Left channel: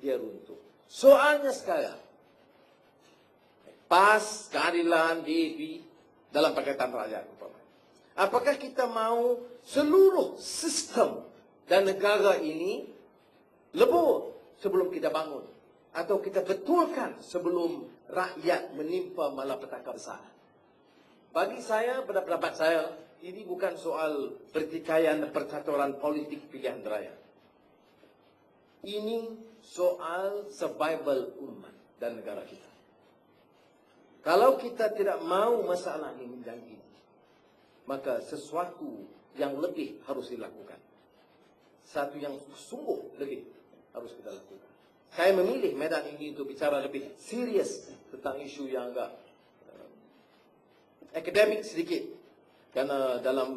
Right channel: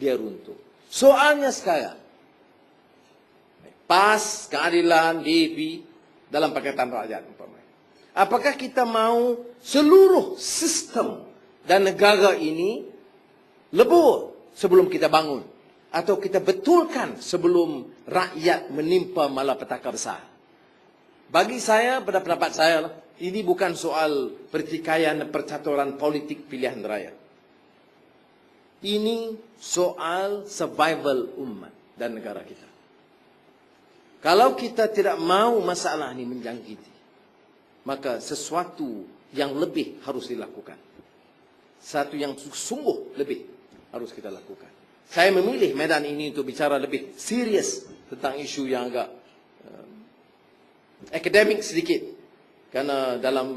dia runtuh. Soalnya sekarang, PAS, keadilan, DAP, dalam Pakatan Rakyat. Apakah kita mau seluruh sistem dan negara ini lebur sebelum kita bangun? Atau kita betulkan sebelum rakyat menimpa malapetaka besar? Bagi saya, pada pendapat saya, ini bukan soal pertikaian percaturan politik pilihan raya. Ini soal survival umat dan negara kita. Kalau kita tidak mau masalah ini menjangkiti, maka sesuatu yang lebih harus dilakukan. Satu yang sungguh lebih harus kita lakukan. Saya memilih medan ini untuk bicara lebih serius tentang isu yang agak uh, akademik sedikit. Karena dalam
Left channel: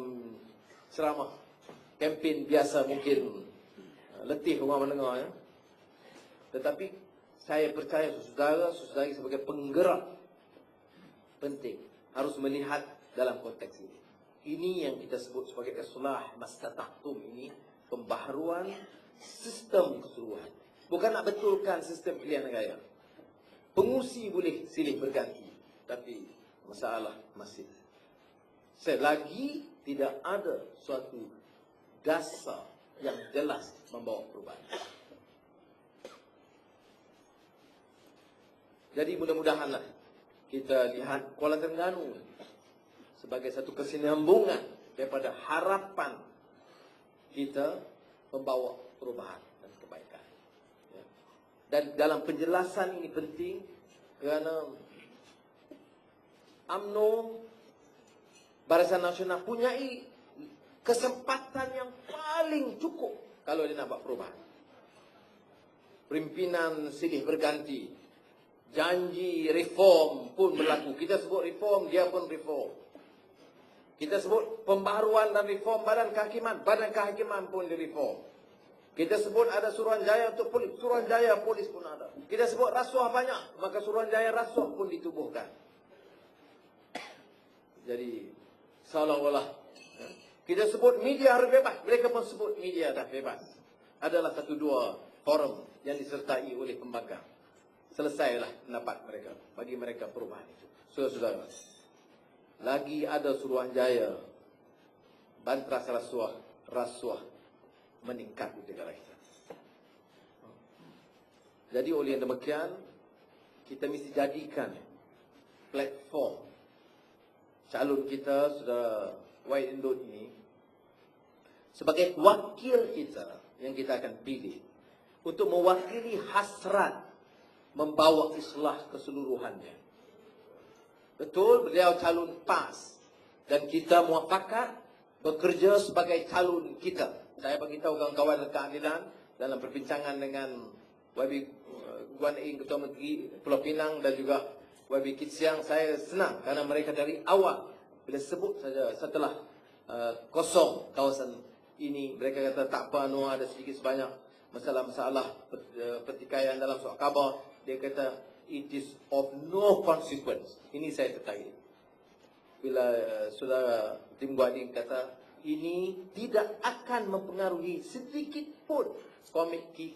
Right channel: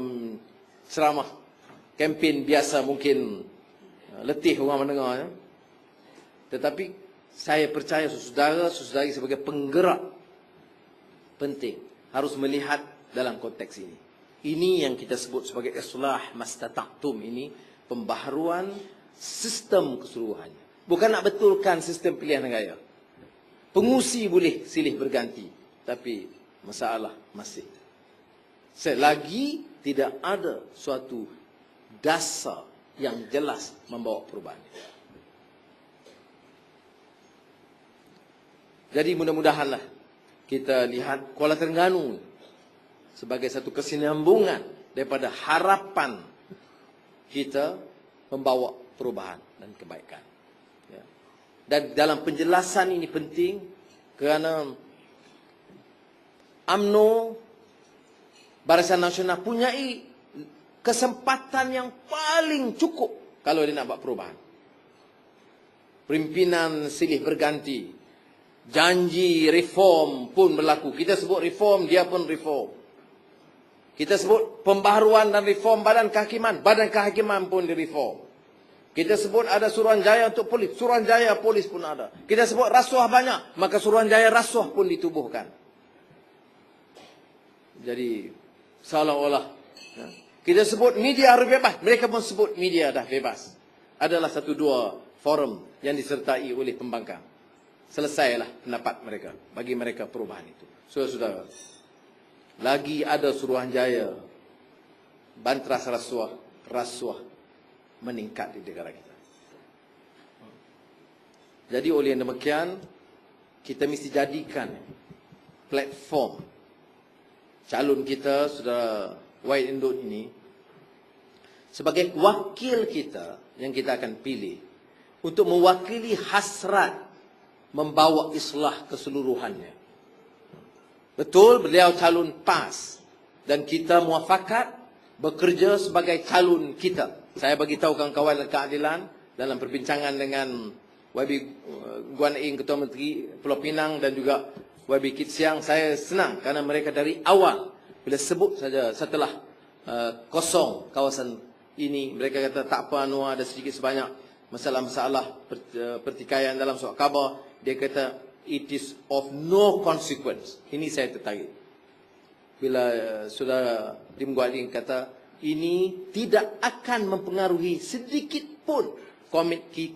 ceramah kempen biasa mungkin uh, letih orang mendengar. Tetapi saya percaya saudara-saudari sebagai penggerak penting harus melihat dalam konteks ini. Ini yang kita sebut sebagai islah mastata'tum ini pembaharuan sistem keseluruhannya. Bukan nak betulkan sistem pilihan raya. Pengusi boleh silih berganti, tapi masalah masih. Selagi tidak ada suatu dasar yang jelas membawa perubahan. Jadi mudah-mudahanlah kita lihat Kuala Terengganu sebagai satu kesinambungan daripada harapan kita membawa perubahan dan kebaikan. Ya. Dan dalam penjelasan ini penting kerana AMNO Barisan Nasional punya kesempatan yang paling cukup kalau dia nak buat perubahan. Pimpinan silih berganti Janji reform pun berlaku. Kita sebut reform, dia pun reform. Kita sebut pembaharuan dan reform badan kehakiman. Badan kehakiman pun direform. Kita sebut ada suruhanjaya untuk polis. Suruhanjaya polis pun ada. Kita sebut rasuah banyak. Maka suruhanjaya rasuah pun ditubuhkan. Jadi, seolah-olah. Ya, kita sebut media harus bebas. Mereka pun sebut media dah bebas. Adalah satu dua forum yang disertai oleh pembangkang selesailah pendapat mereka bagi mereka perubahan itu. Saudara-saudara, lagi ada suruhanjaya bantras rasuah rasuah meningkat di negara kita. Jadi oleh yang demikian kita mesti jadikan platform calon kita saudara White Indot ini sebagai wakil kita yang kita akan pilih untuk mewakili hasrat membawa islah keseluruhannya. Betul beliau calon PAS dan kita muafakat bekerja sebagai calon kita. Saya bagi tahu kawan-kawan keadilan dalam perbincangan dengan YB uh, Guan Ing Ketua Menteri Pulau Pinang dan juga YB Kit Siang saya senang kerana mereka dari awal bila sebut saja setelah uh, kosong kawasan ini mereka kata tak apa anu ada sedikit sebanyak masalah-masalah uh, pertikaian dalam soal khabar dia kata it is of no consequence. Ini saya tertarik. Bila uh, saudara Lim Guan Yin kata ini tidak akan mempengaruhi sedikit pun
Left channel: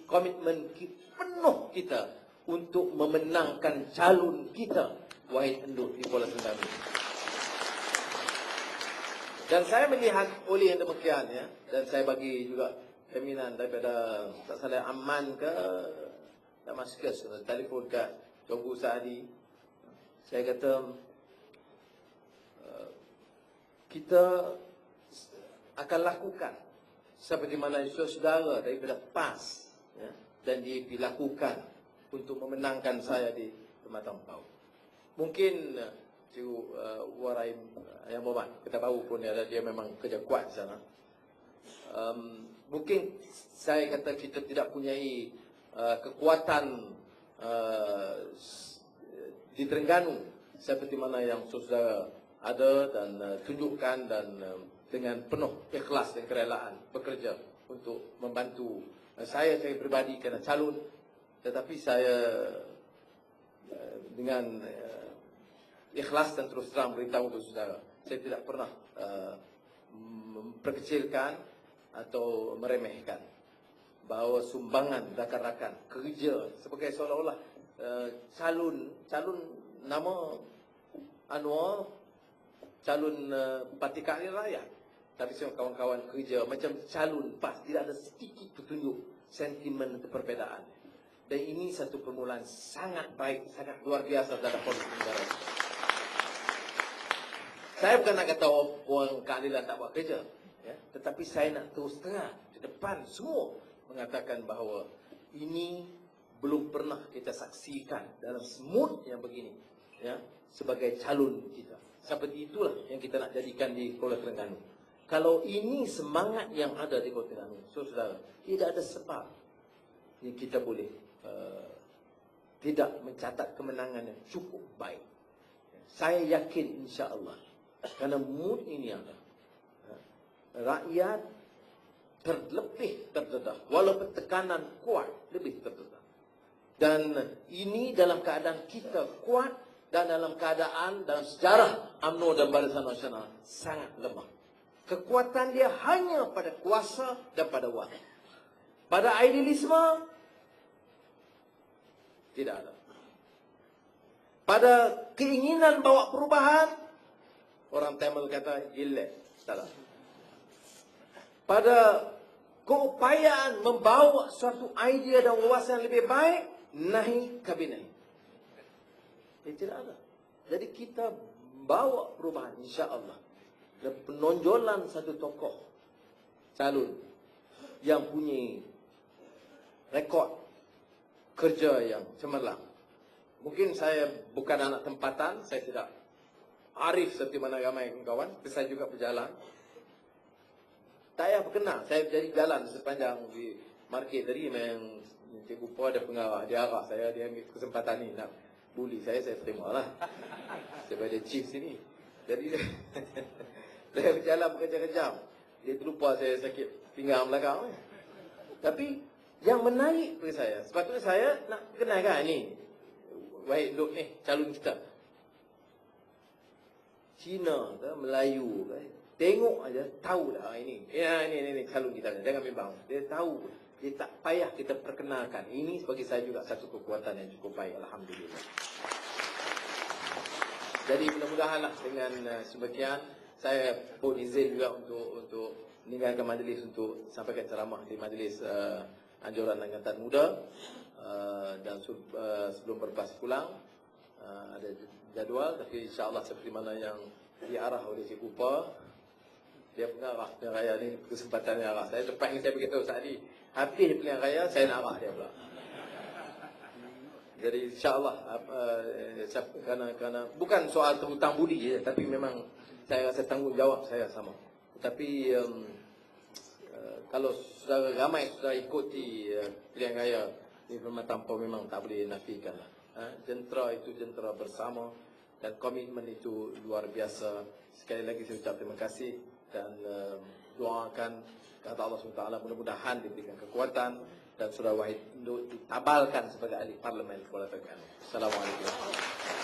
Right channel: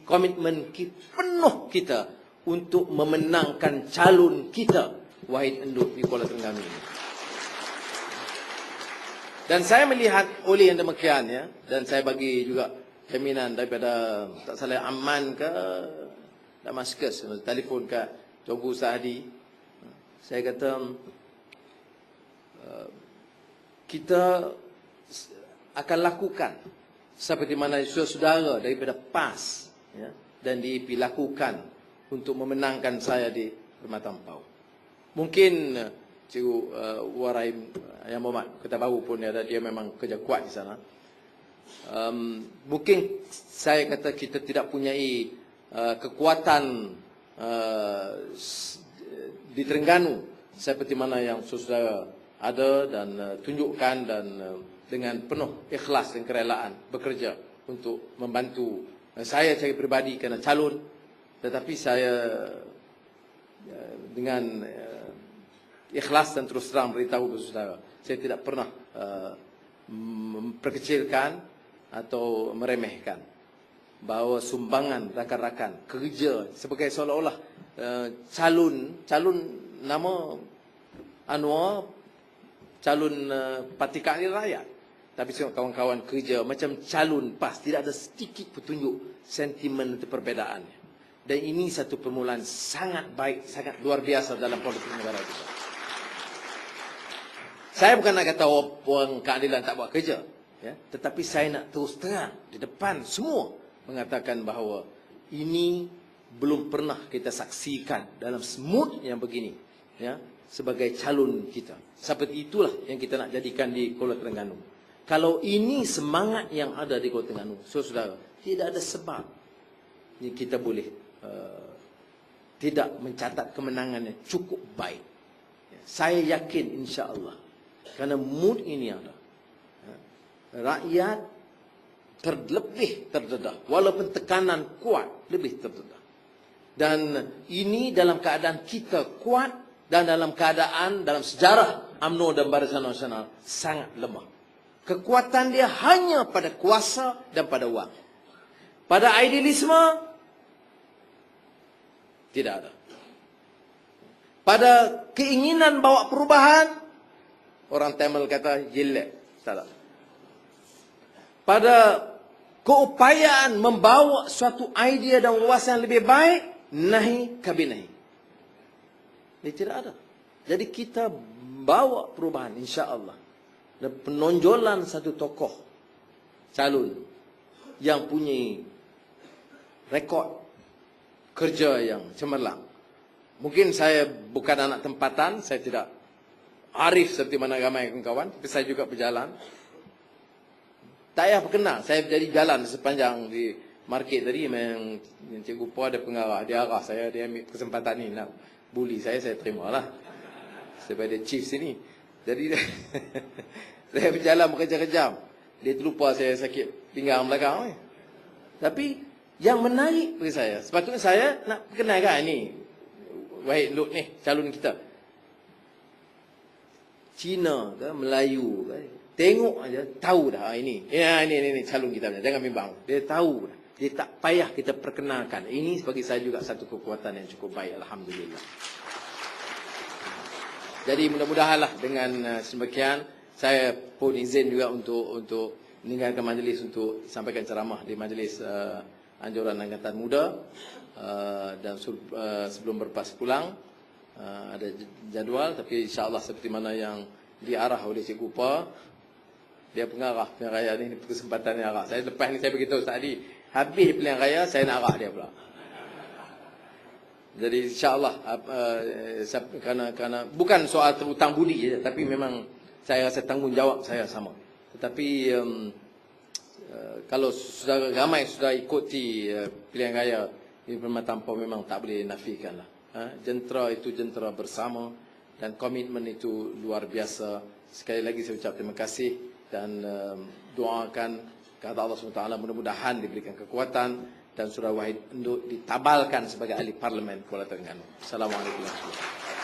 komitmen penuh kita untuk memenangkan calon kita Wahid Endut di Kuala Terengganu. Dan saya melihat oleh yang demikian ya dan saya bagi juga jaminan daripada tak salah aman ke Damascus telefon kat Tuanku Saadi saya kata uh, kita akan lakukan seperti mana saudara daripada PAS ya, dan DAP lakukan untuk memenangkan saya di Permatampau. Mungkin uh, Cikgu uh, Warai Ayam Muhammad, kita tahu pun dia, dia memang kerja kuat di sana. Um, mungkin saya kata kita tidak punyai Uh, kekuatan uh, di Terengganu seperti mana yang saudara ada dan uh, tunjukkan dan uh, dengan penuh ikhlas dan kerelaan bekerja untuk membantu saya sebagai pribadi kerana calon. Tetapi saya dengan ikhlas dan terus terang beritahu kepada saudara saya tidak pernah uh, memperkecilkan atau meremehkan. Bahawa sumbangan rakan-rakan kerja sebagai seolah-olah uh, calon calon nama Anwar calon uh, parti keadilan rakyat. Tapi tengok kawan-kawan kerja macam calon PAS tidak ada sedikit petunjuk sentimen itu perbedaan. Dan ini satu permulaan sangat baik sangat luar biasa dalam politik negara kita. Saya bukan nak kata orang keadilan tak buat kerja ya tetapi saya nak terus terang di depan semua mengatakan bahawa ini belum pernah kita saksikan dalam smooth yang begini ya sebagai calon kita. Seperti itulah yang kita nak jadikan di Kuala Terengganu. Kalau ini semangat yang ada di Kuala Terengganu, saudara, tidak ada sebab ni kita boleh uh, tidak mencatat kemenangan yang cukup baik. Ya, saya yakin insya-Allah kerana mood ini ada. Ya, rakyat terlebih terdedah. Walaupun tekanan kuat lebih terdedah. Dan ini dalam keadaan kita kuat dan dalam keadaan dalam sejarah UMNO dan Barisan Nasional sangat lemah. Kekuatan dia hanya pada kuasa dan pada wang. Pada idealisme tidak ada. Pada keinginan bawa perubahan orang Tamil kata jelek salah pada keupayaan membawa suatu idea dan wawasan yang lebih baik, nahi kabinai. Ini tidak ada. Jadi kita bawa perubahan insya-Allah. Dan penonjolan satu tokoh calon yang punya rekod kerja yang cemerlang. Mungkin saya bukan anak tempatan, saya tidak arif seperti mana ramai kawan-kawan, tapi saya juga berjalan tak payah berkenal. Saya jadi jalan sepanjang di market tadi memang cikgu Po ada pengarah. Dia arah saya, dia ambil kesempatan ni nak bully saya, saya terima lah. Sebab dia chief sini. Jadi saya berjalan berkejam-kejam. Dia terlupa saya sakit pinggang belakang. Tapi yang menarik bagi saya, sepatutnya saya nak perkenalkan ni. Wahid Lut ni, calon kita. Cina ke, Melayu ke, Tengok aja tahu dah ah, ini. Ya ini ini, ini calon kita jangan bimbang. Dia tahu. Dia tak payah kita perkenalkan. Ini bagi saya juga satu kekuatan yang cukup baik alhamdulillah. Jadi mudah-mudahanlah dengan uh, semakian saya pun izin juga untuk untuk meninggalkan majlis untuk sampaikan ceramah di majlis uh, anjuran angkatan muda uh, dan uh, sebelum berpas pulang uh, ada jadual tapi insyaallah seperti mana yang diarah oleh Cikgu Pa dia pengarah pilihan raya ni kesempatan yang arah. Saya lepas ni saya beritahu tadi, habis pilihan raya saya nak arah dia pula. Jadi insyaallah uh, kerana kerana bukan soal terutang budi je tapi memang saya rasa tanggungjawab saya sama. Tetapi um, uh, kalau sudah ramai sudah ikuti uh, pilihan raya di Permata Tanpa memang tak boleh nafikan lah. Ha? Jentera itu jentera bersama dan komitmen itu luar biasa. Sekali lagi saya ucap terima kasih dan um, doakan kata Allah SWT mudah-mudahan diberikan kekuatan dan surah wahid untuk ditabalkan sebagai ahli parlimen Kuala Terengganu. Assalamualaikum warahmatullahi wabarakatuh.